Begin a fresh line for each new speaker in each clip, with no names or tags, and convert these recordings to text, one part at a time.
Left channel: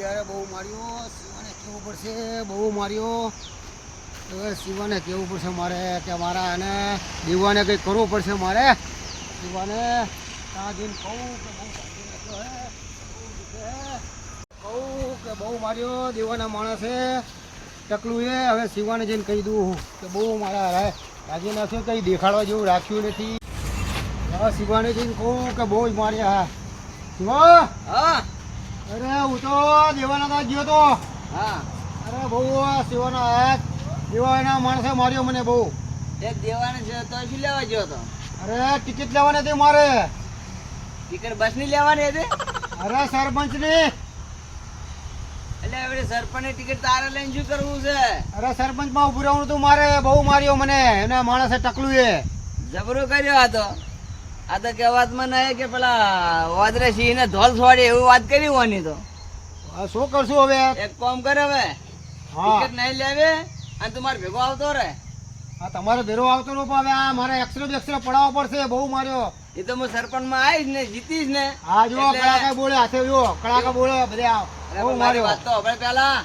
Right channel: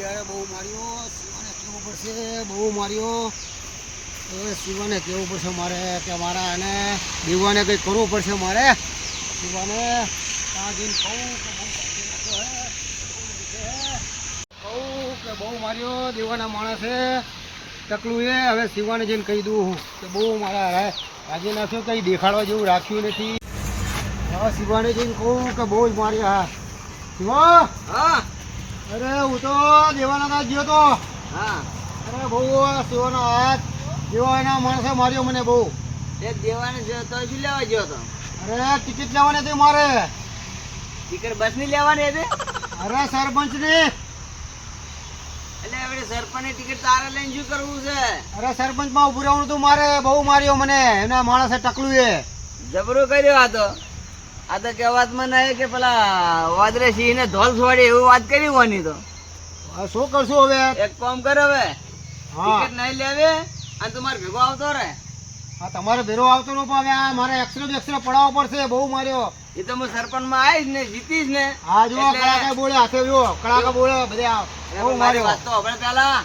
યાર બહુ માર્યો, શિવાને કેવું પડશે? બહુ માર્યો. હવે શિવાને કેવું પડશે મારે? કે મારા અને દીવાને કંઈક કરવું પડશે મારે? શિવાને ત્યાં જઈને કહું કે બહુ ભાગી નાખ્યો હે. હે. કહું કે બહુ માર્યો, દીવાના માણસે ટકલું એ. હવે શિવાને જઈને કહી દઉં કે બહુ મારા હારે રાજી નાખ્યો કંઈ દેખાડવા જેવું રાખ્યું નથી. હવે શિવાને જઈને કહું કે બહુ જ માર્યા. હા શિવા?
હા.
અરે હું તો દેવાના ગયો તો.
હા.
અરે બહુ શિવાના હાથ. દેવાના માણસે માર્યો મને બહુ.
એ દેવાની છે તો શું લેવા ગયો તો.
અરે ટિકિટ લેવાની હતી મારે.
ટિકિટ બસની લેવાની હતી?
અરે સરપંચની
એટલે સરપંચની ટિકિટ તારે લઈને શું કરવું છે?
અરે સરપંચમાં ઉભું રહેવાનું તું મારે. બહુ માર્યો મને. એના માણસે ટકલું એ.
જબરો કર્યો આ તો. આ તો કહેવાતમાં નહીં કે પેલા વાદરે સિંહ ને ધોલ છોડે એવું વાત કરી હોવાની તો.
શું કરશું હવે?
એક કામ કર હવે. ટિકિટ નહીં લેવે અને તમારે ભેગો આવતો રે
હા તમારે ભેરો આવતો નો હવે આ મારે એક્સરે બેક્સરે પડાવવો પડશે. બહુ માર્યો.
એ તો હું સરપંચમાં આવીશ ને જીતીશ ને.
હા જો કડાકા બોલે હાથે જો કડાકા બોલે બધે બહુ માર્યો.
વાત તો હવે પેલા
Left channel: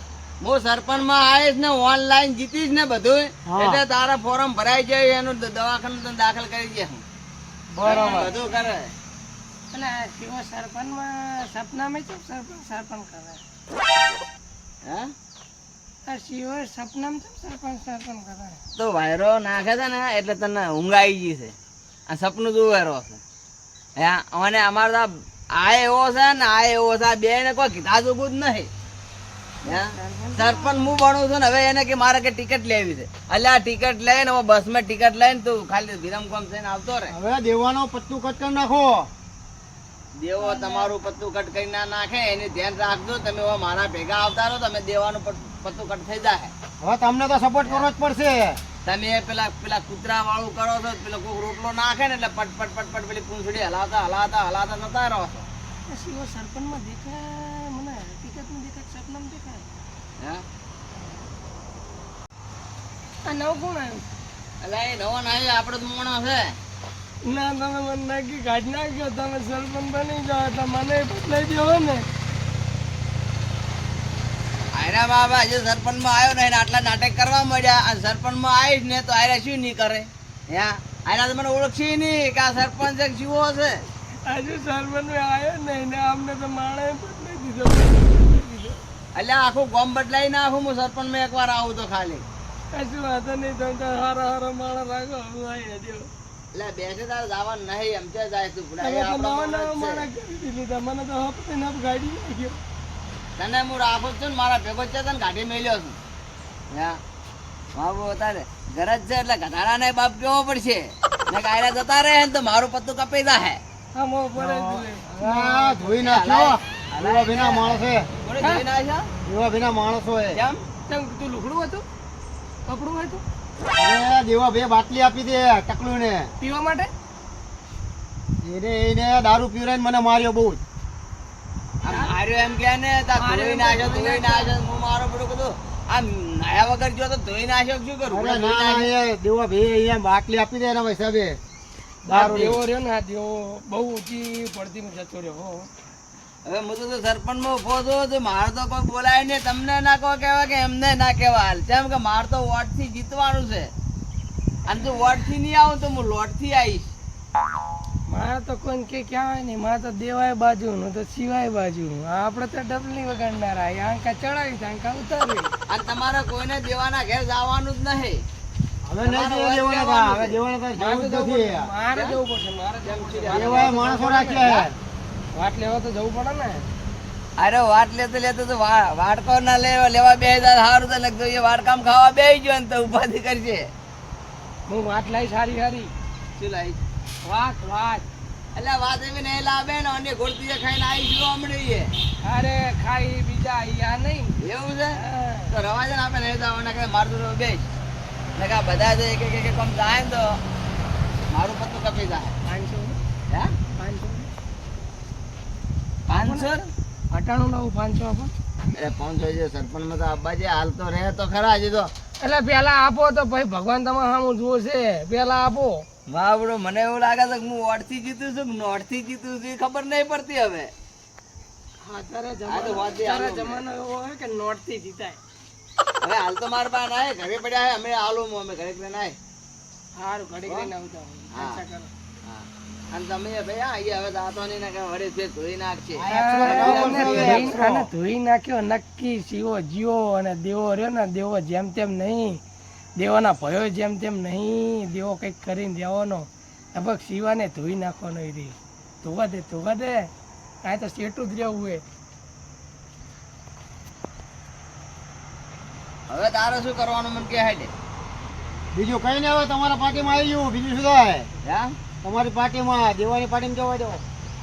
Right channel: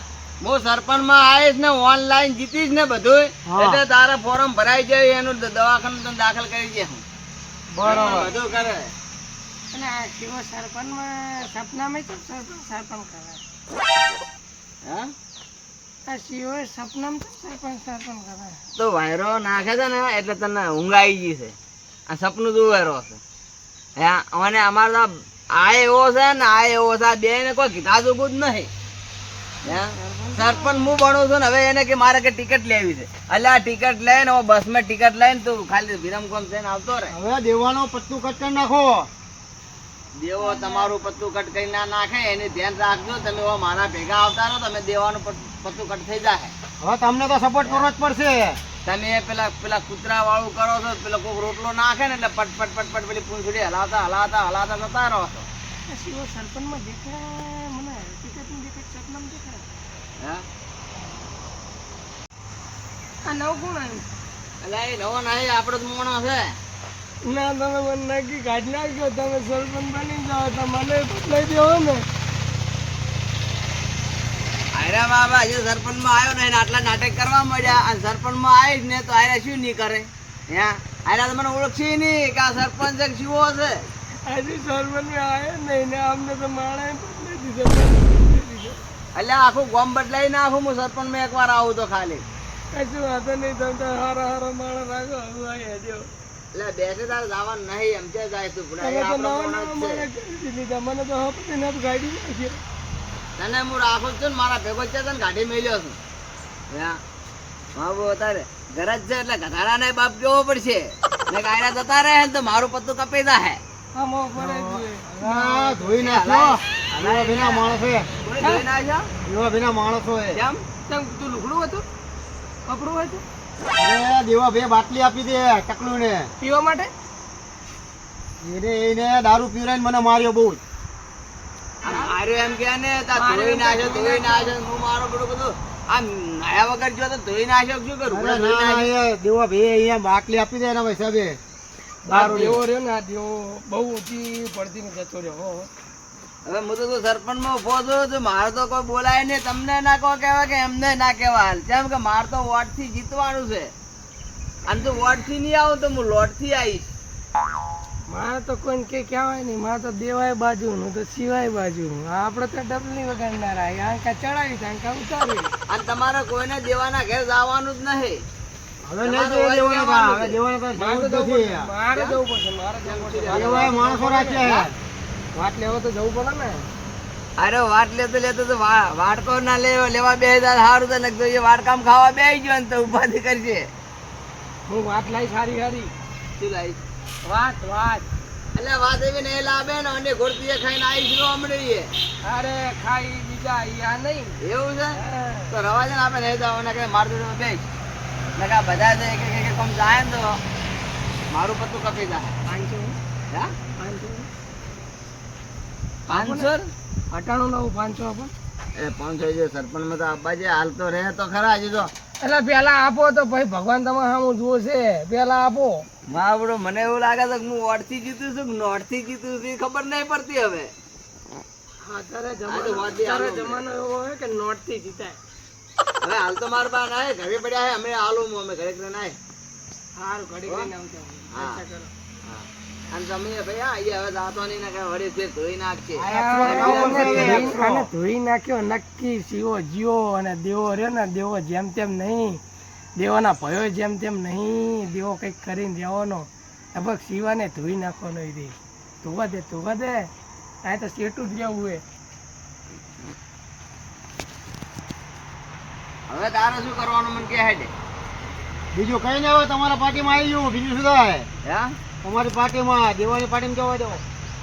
હું સરપંચમાં આવીશ ને ઓનલાઈન જીતીશ ને બધું એટલે તારા ફોર્મ ભરાઈ જાય એનું દવાખાનું દાખલ કરી દે હું.
બરાબર.
બધું કરે.
અને આ સરપંચમાં સપનામાં કેમ સરપંચ સરપંચ કરે?
હા?
આ શિવો સપનામાં કેમ સરપંચ સરપંચ કરે?
તો વાયરો નાખે છે ને એટલે તને ઊંઘ આવી ગઈ છે. આ સપનું તું વાયરો છે. હે અને અમારે આ- એવો છે ને આ એવો છે આ બે ને કોઈ કીધા જોગું જ નહીં? સરપંચ હું ભણું છું ને હવે એને કે મારે કે ટિકિટ લેવી છે. આ ટિકિટ લઈને હવે બસમાં ટિકિટ લઈને તું ખાલી વિરામ કોમ થઈને આવતો રહે.
હવે દેવાનો પત્તું કટ કરી નાખો.
દેવો તમારું પત્તું કટ કરી ના નાખે એની ધ્યાન રાખજો. તમે હવે મારા ભેગા આવતા રહો તમે દેવાનું પત- પત્તું કટ થઈ જાય.
હવે તમને તો સપોર્ટ કરવો જ પડશે.
તમે પેલા પેલા કૂતરા વાળું કરો છો પેલો કોઈક રોટલો નાખે ને એટલે પટ પટ પટ પટ પેલી પૂંછડી હલાતા હલાતા હલાતા જતા રહો છો.
શિવો સરપંચમાં દેખાય મને હકીકતમાં દેખાય સપનામાં દેખાય.
હે?
આ નવ કોણ આવ્યું.
એટલે એ નવો નહીં આપણો જ મોણો છે.
ના તમે મને નક્કી કાઢી નાખ્યો તમે સરપંચ બની જાઓ તો મને બદલાઈ દેવો ને.
આયરા બાબા હજુ સરપંચમાં આવ્યો ને આટલા નાટક કરવા મળ્યા અને સરપંચમાં આવીશ ને તો આયરા શું નહીં કરે? હે? આયરા તો મને ઓળખી નહીં કે આ સરપંચ જીવો છે.
આજે સરપંચ આવ્યો નહીં ને અમને તો માણે બદલાઈ દીધો
એટલે આખું ગોમ બદલાઈ નાખું હું સરપંચમાં એકવાર આવું તો ખાલી.
કશું વાંધો નહીં તમે તો હારો હારો માણસ રાખો હું અહીં હજો
એટલે બેસે તારે જવાનું નહીં એમ કે જાય તું?
તમે તો નવા નવા
છે.
માણસ કરી દીધા મને તો હપ્તે ને ગાડી નાખ્યો
તને હું રાખું છું ને મારા ભેગો છે તને કાઢી મેલ્યો છું. હા મારું અત્યારે ઘર છે એટલે ગધાડાને બાપ કેવો પડશે. ને કાયરા જતા રહે ને તો મારું પત્તું કપાઈ જાય
મો
ધોઈ નાખ્યો. એવા ભીના માણસે
કોણે જોઈ ના છે?
એવા ભીના માણસો એ.
કેમ?
તેમ તું લુગડું હતું? કપડું હતું?
દેવા બે બાટલી આપી દે ટકલું ને
પીવા માટે?
એને એને દારૂ પીવડાવીને મને માર્યો બહુ
માર્યો એમ કે ને ધોઈ નાખ્યો ધોઈ નાખ્યો. હું મારો બધું બધું આ વગર જો તો ધોઈ નાખ્યો શું કરું?
ના ના દેવા ભાઈ અહીંયા બાટલી આપી દે એના હિસાબે. દારૂ
દેવો રહ્યો ને આ દેવો બહુ ઊંચી પડતી જતો રહ્યો હો.
હવે હું તો સરપંચમાં ઊભો છું તો મારે તો કોઈ બોલાય નહીં. તમને ના કહો કહેવાય કે એમને ના કહેવાય કેમ કે મારે તો વોટથી જીતવાનું છે. અને જો વોટથી નહીં આવું તો હું લોટથી આવીશ.
મારે તો કોઈ કે કહેવાય નહીં. મારે તો દેવાય બાજુ નું તો સિવાય બાજુ આપણે તો ડબલી વગાડનારા. આંકા ચડાવી આંકા ઉતારી.
અને તમારે કોઈને દેવાના ઘેર જવાનું જ નહીં.
હવે નહીં જોવા દેવાના તા. હવે દેવાના તો જવું જ નથી
મારે જવું પડશે મારે જવું પડશે.
એવા માણસો રાખ્યા છે.
વાટ લેવા તો જવું પડે ને.
અરે વાટ લેતો લેતો તો વાડકો ના લેવા લેવા બે સારું તો લગતો એ વાડકામ ખાવા બે ગયો ને તો ઉપાધિ કરશે.
હું વાત લાવી સારી સારી.
શું લાવી
વાત વાત.
એટલે વાત એવી નહીં લાવે ને અને ઘોડતી ખાઈને આવીશું હમણાં એ.
અરે ખાઈ બીજા અહીંયા નહીં.
એવું છે? તો રવાજન આપણે નહીં જવાના કે મારું તો બે ને કે બધા જો એક એક એક કામ જાય તો મારું પત્તું કપી જાય.
પાંચસો?
હે?
પાંચસો?
પાંચસો?
અટાણું લાવું પાંચસો આપો.
એ પાંચસો જે સરપંચમાં તો અબ્બાજી હાલ તો રહે તો ખરા હજી તો.
એટલે પેલા આપો તો ભાઈ ભગવાન તમારે સામું જુઓ છે. પેલા આપો.
બાબડો મને એવું લાગે છે કે હું ઓડથી જીતું છું કે નોટથી જીતું છું ખબર નહીં પડતી હવે.
હા, અત્યારે જમાનો એવો હોય કે નોટથી જીતાય.
હવે હાલ તો મારા પાસે ના ઘરે પડ્યા હે અમે આલો અમે ઘરે ઘરે ના
સારું ઘરે ઘડી આવતા
હા.
કરો.
હા. અને તમે ભાઈ આ હવે દાંતો નહીં ને કઈ વળી ધોઈ નાખશે.
ધોઈ- ધોઈ નાખ્યો નક્કી શિવો જીવો અને દેવો રહ્યો ને દેવો જેમ તેમ નહીં. દેવાના ભયો જેમ તેમ નહીં. દેવો કંઈક કરીને દેવાનો લગભગ શિવાને ધોઈ નાખવાનો એ રે ધોવા દે ધોવા દે. આ તો સેટું જ રહેવું હે
હવે તારે શું કરવાનું મન કે હેડે
બીજું કઈ નહીં હવે તમારા પાર્ટીમાં આવી ગયું બીજું શું થાય?
હા?
તમારી પાર્ટીમાં દેવાની પાર્ટીમાં જવા દો.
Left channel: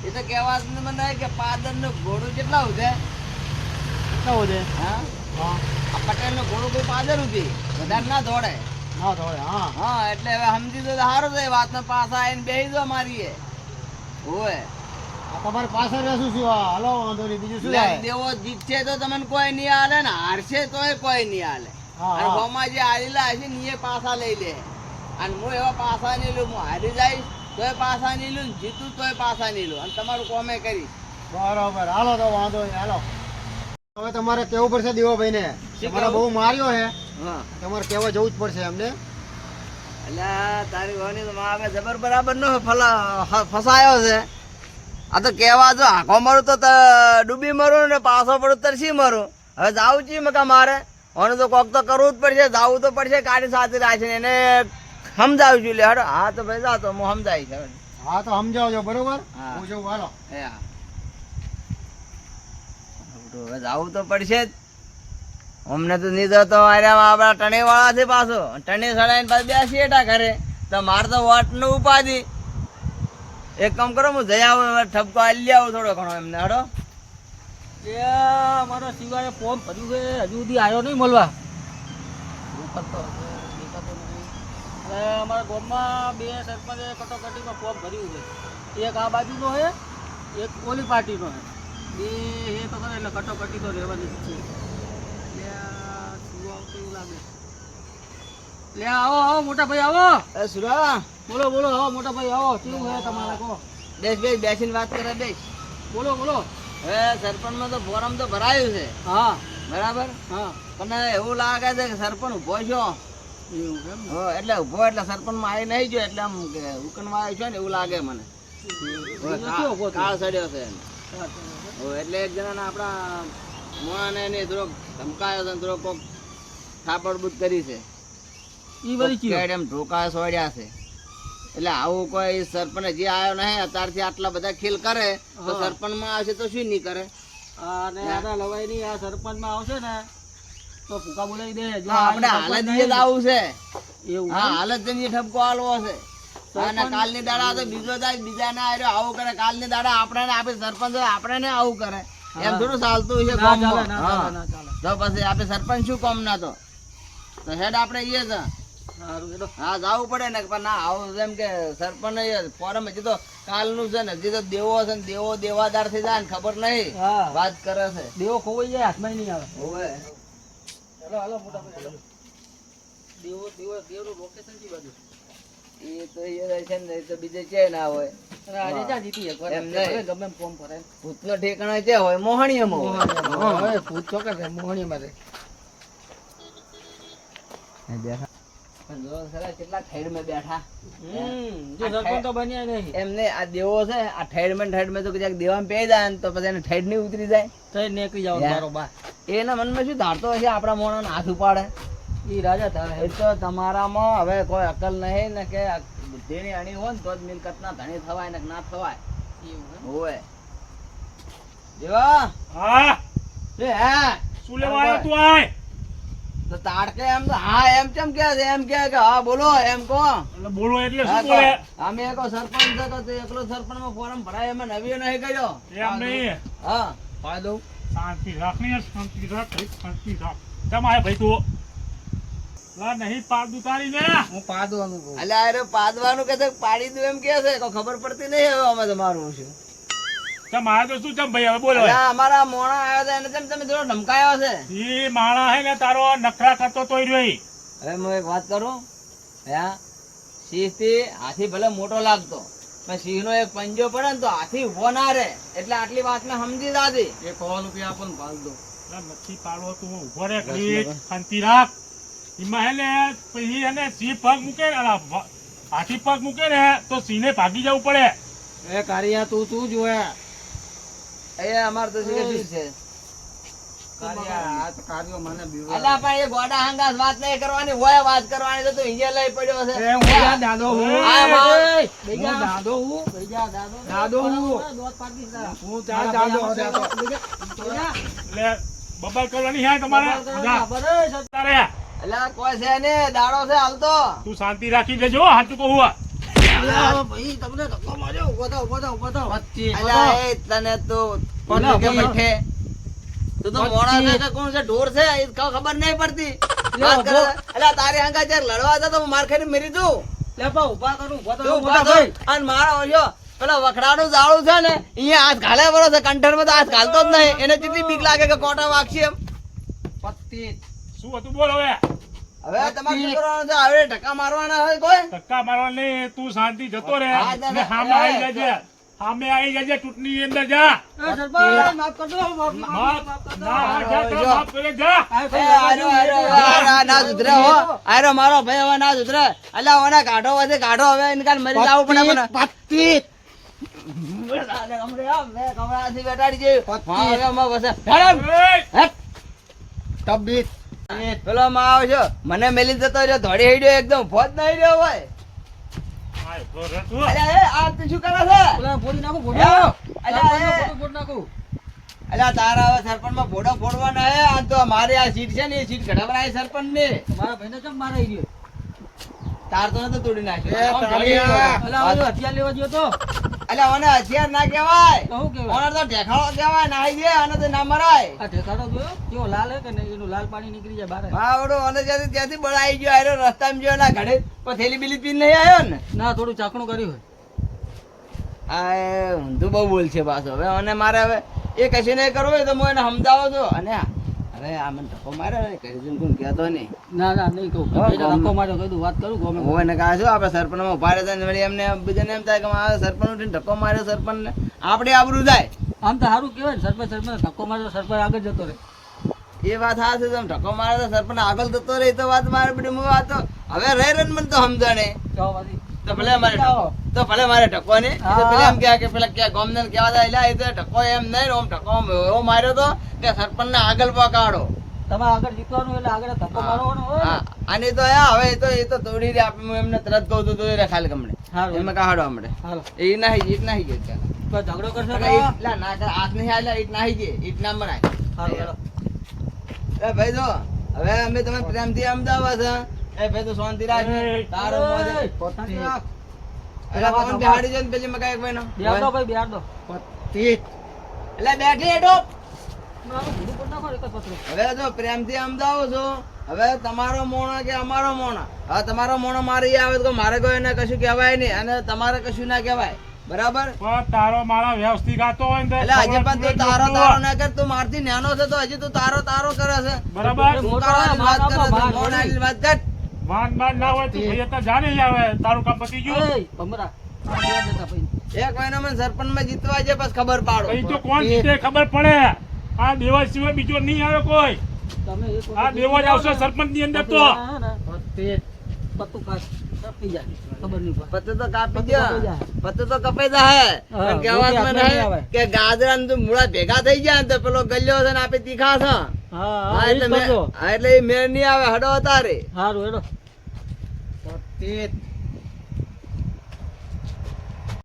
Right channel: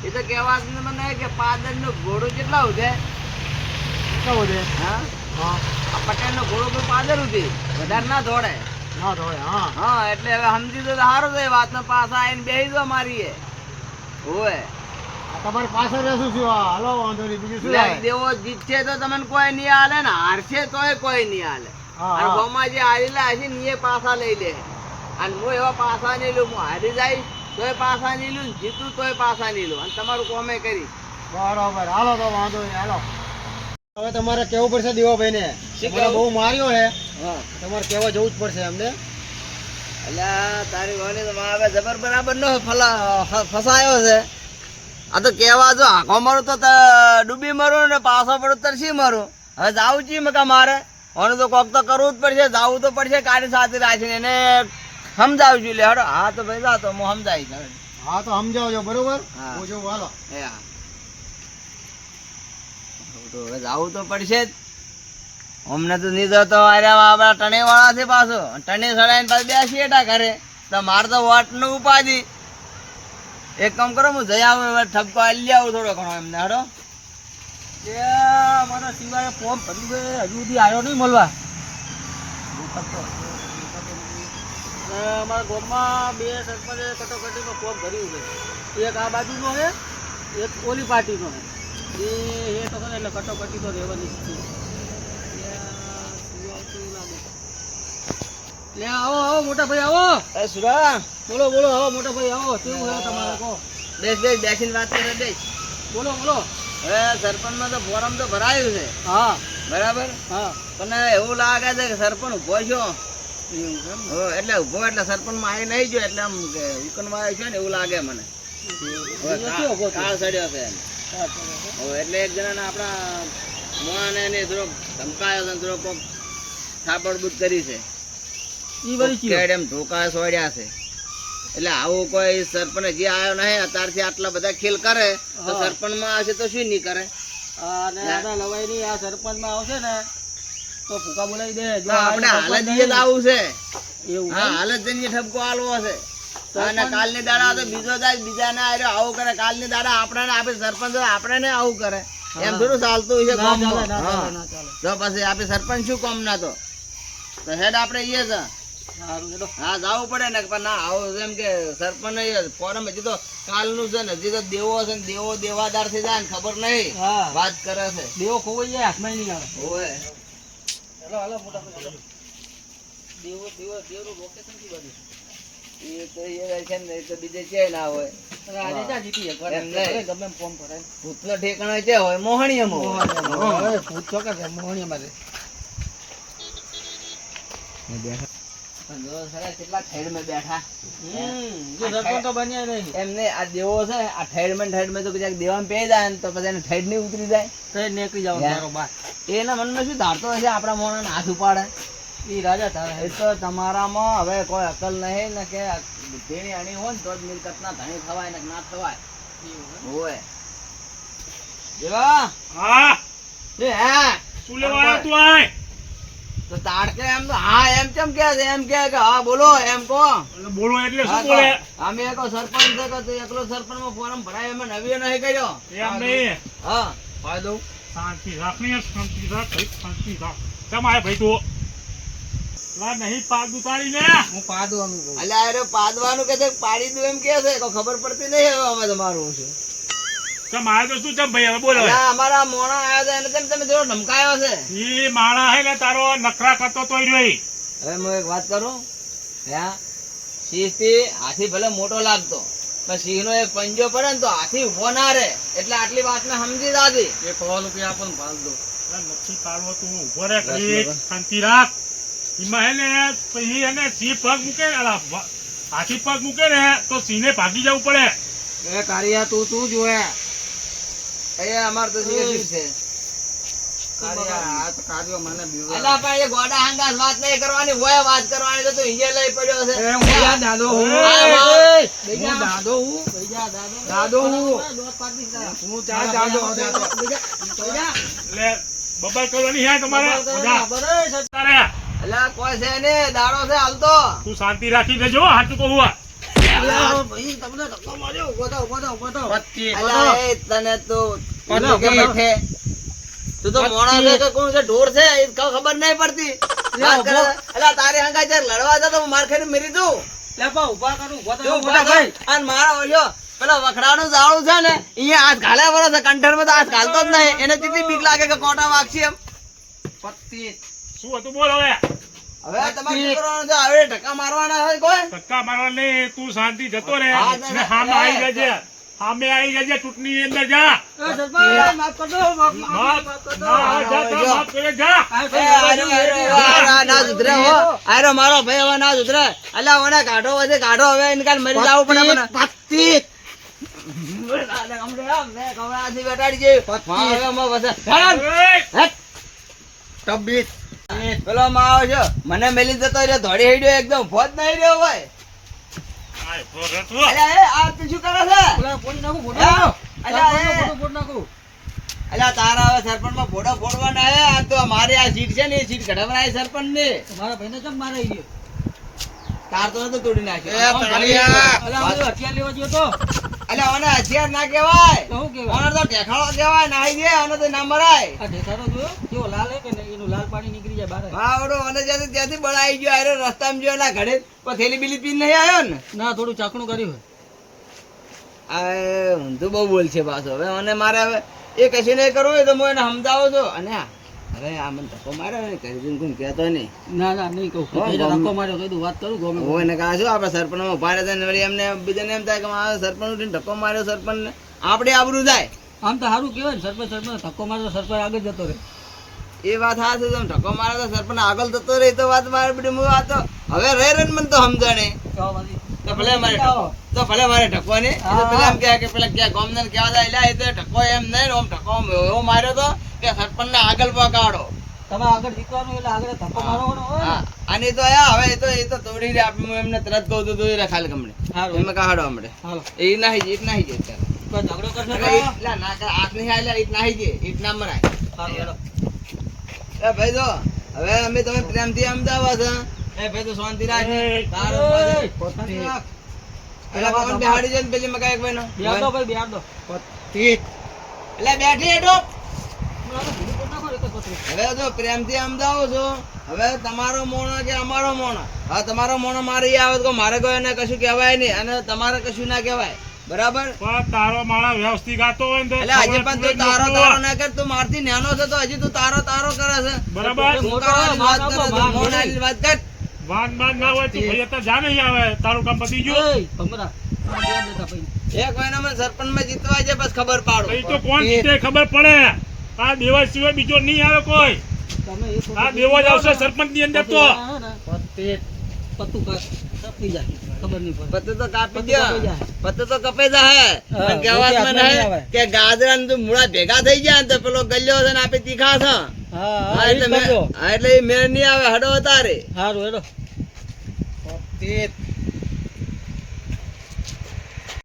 એ તો કહેવા મને કે પાદરનું ઘોડો કેટલા ઉધે
કેવું છે
હા?
હા.
આ પટેલનું ઘોડો કોઈ પાદર ઉધી? વધારે ના દોડે
ના દોડે હા.
હા એટલે હવે સમજી તો સારું છે વાત ને પાછા આવીને બેસી દો મારી એ. હોવે.
આ તમારી પાછળ રહેશું શું હાલો વાંધો નહીં. બીજું શું થાય?
દેવો જીતશે તો તમને કોઈ નહીં હાલે ને હારશે તોય કોઈ નહીં હાલે. ગામમાં જે હારેલા હશે ને એ પાછા લઈ લે. અને હું એવા પાછા નહીં લઉં હું હારી જઈશ તોય પાછા નહીં લઉં જીતું તોય પાછા નહીં લઉં. અને તમારું કોમે કરીશ
બરાબર. હાલો તો વાંધો નહીં હાલો. હવે તમારે કેવું પડશે દેવાભાઈ ને તમારે બહુ માર્યો ને
હા.
તમારે કેવા જવું જ પડશે અમને
એટલે તારી વાની તો જબર બરાબર નો ફલા ફસાયો છે. આ તો કહેવા જો આખો મારું તો ડૂબી મરું ને પાછો પડું તરસી મરું? હવે જાવું છીએ મકા મારે? અને તો કોક તો કરવું જ પડશે જાવું તો પડશે કાઢી સાથે રાખીને એને સમજાવું છું. લે હડો હા તો ભાઈ જા તો હું સમજાવીશ હવે.
હા તો સમજાવજો બરોબર?
હું.
જેવું હાલો.
તો હવે જાવું તો પડશે જ. અમને તો નીધો તો અરે આપણા ટણે વાળા છે પાછો. ટણે સડાઈને પાછું બેસીએ એટા ઘરે. તો મારે તો વોટનું ઉપાધિ. એક કામ કરો, હું જઈ આવું હવે ઠપકો લઈ આવું થોડો ઘણો એમને, હડો.
મારા સિવાય ફોર્મ ભર્યું છે, હજુ સુધી આવ્યો નહીં મળવા. અમારા ગામમાં બે સરપંચે કટોકટીમાં ફોર્મ ભર્યું છે. એક આ બાજુનો છે, એક ઓલી પાર્ટીનો છે. એ એ તો ખરે, એટલે કટોકટી તો રહેવાની જ છે. શું આવતું લાગે? લે, આવો આવો, મોટા ભાઈ, આવો.
એ સુરા
બોલો બોલો આવો મોટા ભાઈ આવો કેવું છે તમારે કહો
બેસ બેસ બેસીને વાત કરે બેસ.
બોલો બોલો.
હવે સરપંચમાં તો ફોરમ તો ભરાયું છે.
હા.
બરાબર?
હા.
પણ એવું લાગે છે કે સરપંચ ઊભો છો.
ને?
હો, એટલે ઊભો એટલે સરપંચમાં આવી નહીં જોયો એટલે આમ કે ઉકનવા આવ્યો છે ને એવું લાગે મને. કા-? કાળ સડ્યો છે.
હા.
હો, એટલે એક જણાને આપણા મોણાને એને થોડોક ધમકાયો છે ને થોડોક કોક થાપડબૂદ કરી છે.
એ બધી
ધોકા સોડ્યા છે. એટલે આવું કોઈ સરપંચ હજી આવ્યો નહીં અત્યારથી આટલા બધા ખેલ કરે તો
હા.
સરપંચમાં આવશે તો શું નહીં કરે?
અને આ લવાઈની આ સરપંચમાં આવશે ને તો ભૂકા બોલાવી દે. જો
આપણે હાલ જ
સરપંચ
આવું છે.
એવું
હા હાલ જ જઈને ઠપકો આલવો છે. અને કાલની દાડા તો બીજો જાય બીજા ના આવ્યો આવું કરે. કાલની દાડા આપણને આપે સરપંચ આપણને આવું કરે. એમ થોડું ચાલતું છે તો પછી સરપંચ શું કોમ ના તો હેડ આપણે છે
હેડો
હા જવું પડે ને પણ ના આવું એમ કે સરપંચ ફોરમ હજી તો કાલનું છે ને હજી તો દેવો છે ને દેવો દેવાદાર થઈ જાય ને ખબર નહીં. વાત કરે છે.
દેવો ખોવાઈ જાય હાથમાં નહીં આવે.
હોવે.
હેલો હાલો મોટા. દેવો દેવો દેવનું લોકેશન કઈ બાજુ?
એ તો એ છે ને તો બીજે ના હોય.
ભરાય.
ભૂતનો ઠેકાણો ક્યાં હોય. મોહણીયમાં.
ભૂત ચોકે છે મોહણીમાં છે.
પણ જો સાલા કેટલા ઠેડમાં બેઠા.
જો સરપંચ તો બન્યા નહીં.
એમને આ દેવો છે આ ઠેડમાં ઠેડમાં તો ક્યાંક દેવામાં પે જાય તો પછી એને ઠેડ નહીં ઉતરી જાય.
તો નીકળી જાવ બરોબર.
એના મનમાં શું ધારતો હશે? આપણા મોણાને હાથ ઉપાડે.
એ રાજા
એ તો તમારામાં હવે કોઈ અકલ નહીં ને કે બુદ્ધિની અણી હોય ને તો જ મિલકતના ધણી થવાય ને ના થવાય. હોય. જેવા
હા?
એ હા?
શું લેવા આવ્યો તું આય?
તો તાડકે એમ હા એમ કેમ કે એમ કે કે હા બોલો એમ કો
એટલે બોલો એટલે શું બોલે?
અમે એકો સરપંચ છે કે એકલો સરપંચમાં ફોરમ ભરાય એમાં નવીએ નહીં કર્યો.
એમ નહીં.
હા. ફાયદો?
શાંતિ રાખની શાંતિ રાખ ભાઈ શાંતિ રાખ. કેમ આય ભાઈ તું? લા નહીં પાડ ઉતારી ને
હું પાડવાનું
અલ્યા અરે પાદવાનું કે પાડી દઉં એમ કે છે કોઈ ખબર પડતી નહીં હવે અમે તમારું છે
કેમ તો શું કેમ ભાઈ હવે બોલો.
અમારા મોણા આવ્યા હતા એને તેમ તમે થોડો ધમકાયો છે.
એ માણા હે ને તારો નખરા કરતો તોય રહ્યો
હવે હું એક વાત કરું? હા? શીશથી હાથી ભલે મોટો લાગતો પણ સિંહનો એક પંજો પડે ને તો હાથી ઊભો ના રહે. એટલે આટલી વાતને સમજી દાદી.
એ સો રૂપિયા આપણને દો.
નથી પાડવો તું ઊભો રે શાંતિ રાખ. એમાં હે ને પછી એને સિંહ પગ મૂકે હાથી પગ મૂકે ને તો સિંહને ભાગી જવું પડે.
એ કારિયા તું તું જોએ?
એ અમાર તો સિંહ છે.
કારિયા આ તો કારિયો મને બીવે.
અલા પણ એ ગોડા હંગાસ વાત નહીં કરવાની હોય વાત કરવાની તો તું હિંજે લઈ પડ્યો છે.
એ હું ત્યાં દાદો હું.
આ માર.
હું દાદો હું. દાદો. હું. હું ત્યાં દાદો દાદો
એટલે બબાલ કરવાની હે તમારે? જા. તારે.
અલા કોઈ છે ને દાડો છે હાલતો.
તું શાંતિ રાખી દેજો હાથું કહું
તને તો
ભાઈ?
બેઠે. તું તો મોણા છે કે કોણ છે? ઢોર છે? એ ખબર નહીં પડતી. વાત કરે છે. અલા તારી હંગા જ્યારે લડવા જતો હું માર ખાઈને મરી દઉં
ઊભા કરું ઊભા
તું ઊભા થા. અને મારો ઓલ્યો પેલા વખડાનું જાળું છે ને અહીંયા હાથ ઘાલે વળે છે કંઠરમાં તો હાથ ઘાલતો જ નહીં. એને કેટલી બીક લાગે કે કોટા વાગશે એમ?
શું હતું બોલ હવે?
હવે તમારે શું કરવાનું છે હવે ધક્કા મારવાના હોય કોઈ
ધક્કા મારવા તું શાંતિ જતો રહે
હા, ના,
ને
ના.
સામે આવી જજે સામે આવી જજે ચૂંટણી અંદર જા માફ, ના, જા, જા,
જો.
માફ કરે, જા.
એ આરો, આરો, આરો, આ ના સુધરે હો. આરો મારો ભાઈ હવે ના સુધરે અલ્યા ઓને કાઢો વધે કાઢો હવે એને કાલ મરી જવું પડે મને બેઠાડી ગઈ. હવે માં વસે. હેરાન.
તબીત
પેલો માં આવ્યો છે. મને મેલી જતો રહ્યો ધોડી હેડ્યો એકદમ. ફોજ નહીં રહ્યો હોય.
આય, તો રે તું.
અલ્યા એ આ તું શું કરે છે? અલ્યા, અલ્યા એ. અલ્યા તારા હવે સરપંચમાં ભોડો ફોડવાના હે. આ તો મારી આ સીટ છે ને એ સીટ કઢાવવાની સરપંચ ને
મારા ભાઈને કેમ મારે ઈ
તાર તો નતો તોડી નાખ્યો.
હથિયાર લેવા ગયો તો.
અલ્યા ઓને હથિયાર ના કહેવાય.
તો શું કહેવાય?
ઓને તો ઢેખાડો કહેવાય નાઈ દે અને તો ના મરાય.
આ ઢેખાડો જોયો કેવો લાલ હે કે નહીં? એનું લાલ પાણી નીકળી જાય બહાર.
હા ઓડો અને જ્યાંથી ત્યાંથી બળાઈ ગયો આયરો રસ્તામાં ગયો એના ઘડે પણ થેલી બીલી પીને નહીં આવ્યો ને.
ના થોડું ચાકણું કર્યું
આ એ ઊંધું બહુ બોલ છે પાછો. હવે અને મારે હવે એ કશું નહીં કરવું હોય તો હું એને સમજાવો છો. અને હવે આ મને ધક્કો માર્યો ને કરી કોઈ કહેતો નહીં.
ના ના નહીં કહું. ધક્કો માર્યો કીધું વાત કરું ગમે
હોય ને છું આપણે સરપંચમાં ઊભા રહેતા ને વળી એમને બીજાને એમ થાય કે આ સરપંચ ઉઠીને ધક્કો માર્યો સરપંચને? આપણે આબરૂ થાય
આમ તો સારું કહેવાય ને સરપંચ સરપંચ ધક્કો માર્યો સરપંચ આગળ જતો રહે.
એ વાત હા છે તમે ધક્કો માર્યો તો સરપંચ આગળ થતો રહે તો વાત મારે બધી હું વાત તો. હવે રહે રહે ને મને તો સમજણે. તો ભલે મારે તો ભલે મારે ધક્કો નહીં. પેલા એમ કે પેલા ક્યાં ગોમદાર કહેવા જાય એટલે એ તો ધક્કો એમ નહીં ઓમ ધક્કો એવો માર્યો તો કે સરપંચને આગળ પકાડો.
તમારે આગળ જીતવાનું એટલે આગળ ધક્કો મારવાનો હોય
હા.
ને.
અને તો આ હવે તો એ તો તોડી રે આપી હું એમને તરત કહું તો તોડી રે ખાલી ગમને એમાં કાઢો હમણે એ નાહી ઈટ નાહી
ઝઘડો કરશો
એટલે ના નહીં આવેલા, ઈટ નાહી ઈટ ના મરાય. ભાઈ જો હવે અમે તમે પ્રેમથી અમદાવાદ એ ભાઈ તો શાંતિ રાખ. તારો
રાખ.
પવન બેહાડી પેલી એક
દો ભાઈ. દો.
પત્તી
બેઠી. હવે જો પ્રેમથી અમદાવો છો. હવે તમારો મોણો કે અમારો મોણો? હવે તમારો મોણો મારે આવે તો મારે કોઈ એને કશું કહેવાય નહીં. અને તમારે કશું ના કહેવાય. બરાબર?
પણ તારો મારા વ્યવસ્થિત ગાતો હોય ને
એટલે હજી પણ તું તારો તારો ના કર. તું મારથી નાનો છે તો હજી તું તારો તારો કરે છે.
બરાબર?
વાત કરે વાત કર.
વાન માન ના હોય તો ભાઈ અત્યારે જાને આવે તારું કામ પતી ગયું.
ભમરા.
એક મહિના માં સરપંચમાં જીતવા છે બસ ખબર પાડો.
પછી તો કોણ જીતે ખબર પડે. આ દેવા સિવાય બીજો નહીં આવે કોઈ.
તમે એક
આ દેવો જ આવશે સરપંચની અંદર તો.
પત્તી
કાઢ, કાપી જાય. ખબર નહીં પડે.
પત્તો તો કાપી દો. પત્તો તો કપાઈ જાય
હા,
પણ
આવે.
નહીં કે ગાજરા ને મૂળા ભેગા થઈ ગયા તો પેલો ગલ્યો છે ને આપે તીખા છે.
હા,
એટલે મેં- એટલે એ મેળ નહીં આવે હડો તારે
હારું, હેડો.
પત્તી